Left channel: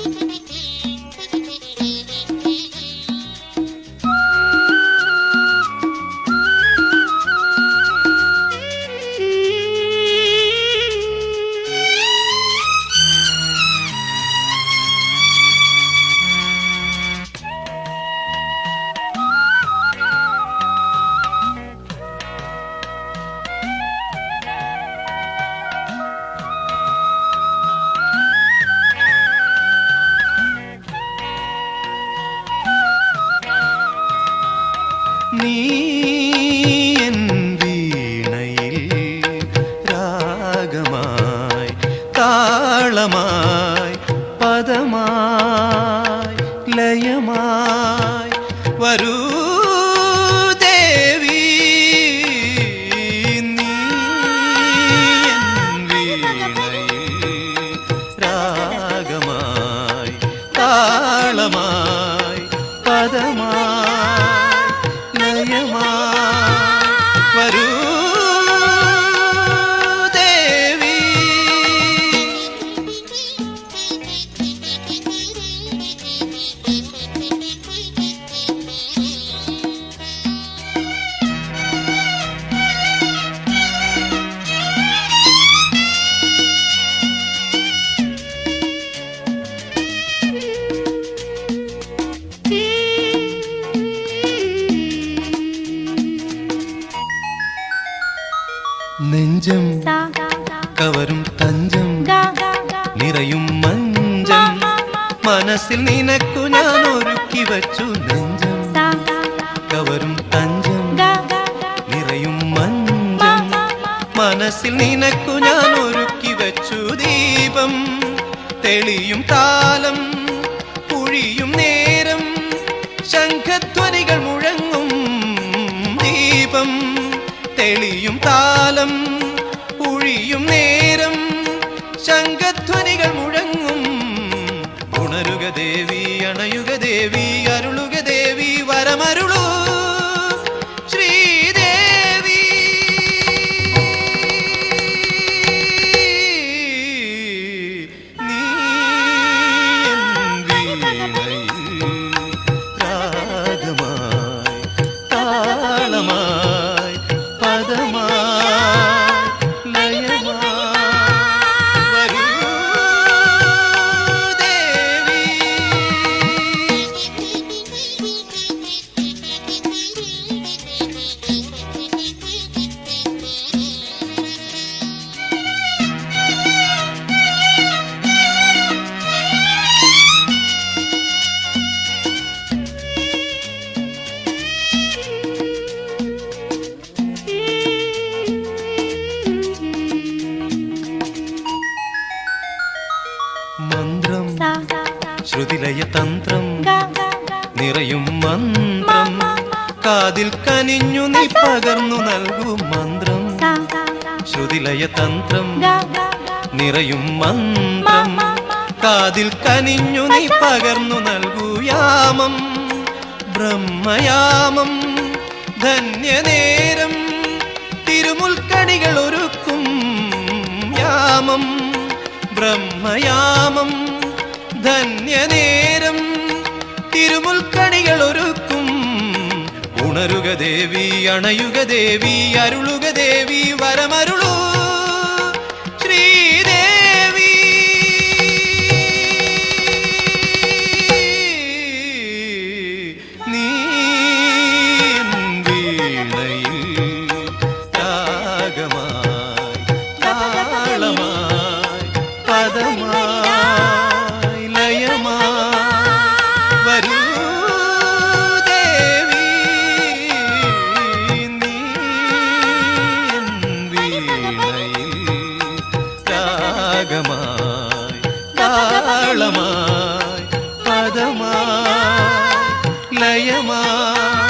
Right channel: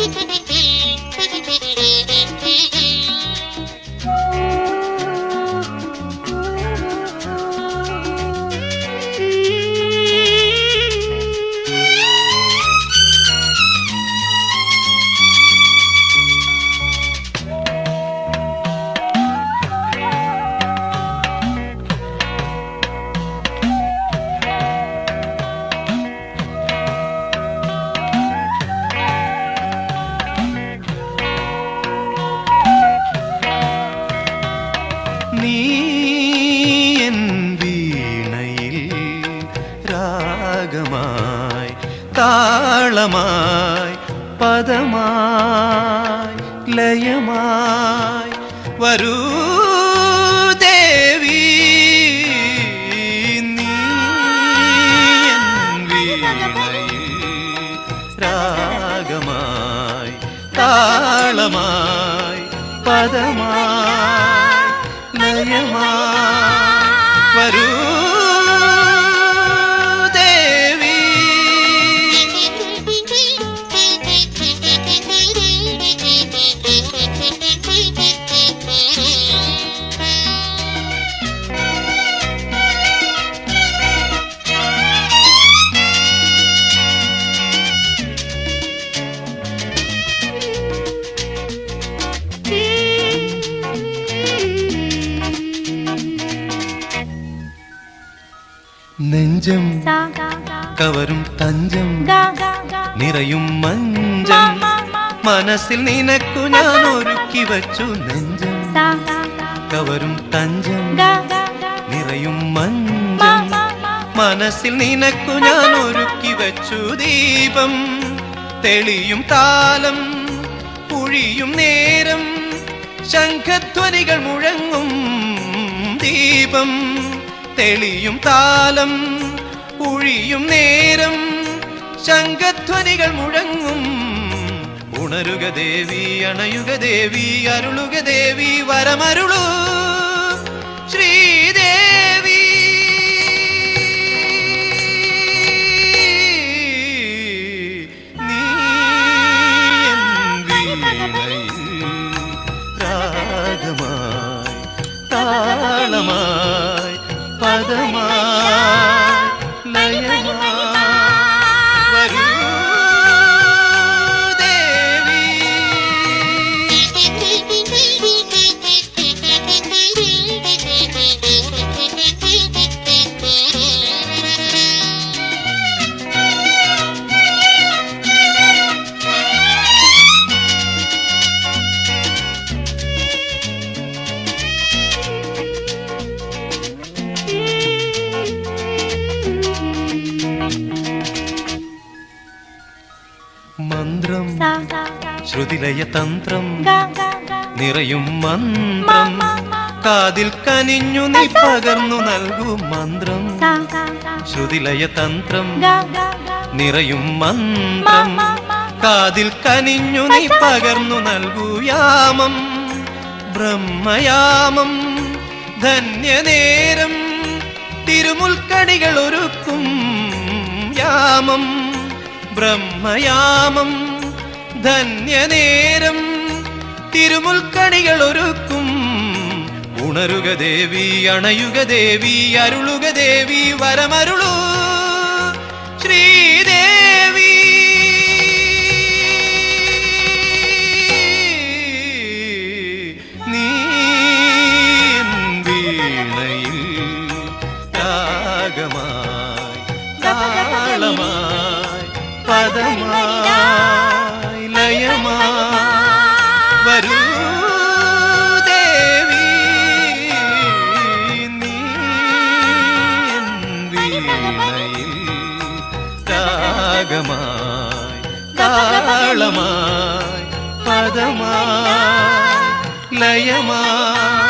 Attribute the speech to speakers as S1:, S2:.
S1: Thank you. നീ N വീണയിൽ രാഗമായി താളമായി പദമായി ലയമായി വരൂ ദേവി. നീ വീണയിൽ രാഗമായി താളമായി പദമായി ലയമായി നെഞ്ചം കവരും തഞ്ചം നിറയും മഞ്ചം മനസ്സിൽ നിനക്കു ഞാൻ ഒരുക്കി വച്ചു നെഞ്ചം കവരും തഞ്ചം നിറയും മഞ്ചം മനസ്സിൽ നിനക്കു ഞാൻ ഒരുക്കി വച്ചു ദീപം തെളിയും താലം പുഴിയും നേരം ശംഖധ്വനികൾ മുഴങ്ങും ദീപം തെളിയും താലം പുഴിയും നേരം ശംഖധ്വനികൾ മുഴങ്ങും. ഉണരുക ദേവി അണയുക ദേവി അരുളുക ദേവി വരമരുളൂ. ശ്രീദേവി. നീ ശ്രുതിലയ തന്ത്രം നിറയും മന്ത്രം കാതിൽ കനിഞ്ഞു നീ പകർന്നു നൽകും മന്ത്രം ശ്രുതിലയ തന്ത്രം നിറയും മന്ത്രം കാതിൽ കനിഞ്ഞു നീ പകർന്നു നൽകൂ യാമം ബ്രഹ്മയാമം ധന്യനേരം തിരുമുൽക്കണികൾ ഒരുക്കും യാമം ബ്രഹ്മയാമം ധന്യനേരം തിരുമുൽക്കണികൾ ഒരുക്കും ഉണരുക ദേവി അണയുക ദേവി അരുളുക ദേവി വരമരുളൂ. ശ്രീദേവി. നീ താളമായി പദമായി രാഗമായി താളമായി പദമായി ലയമായി വരൂ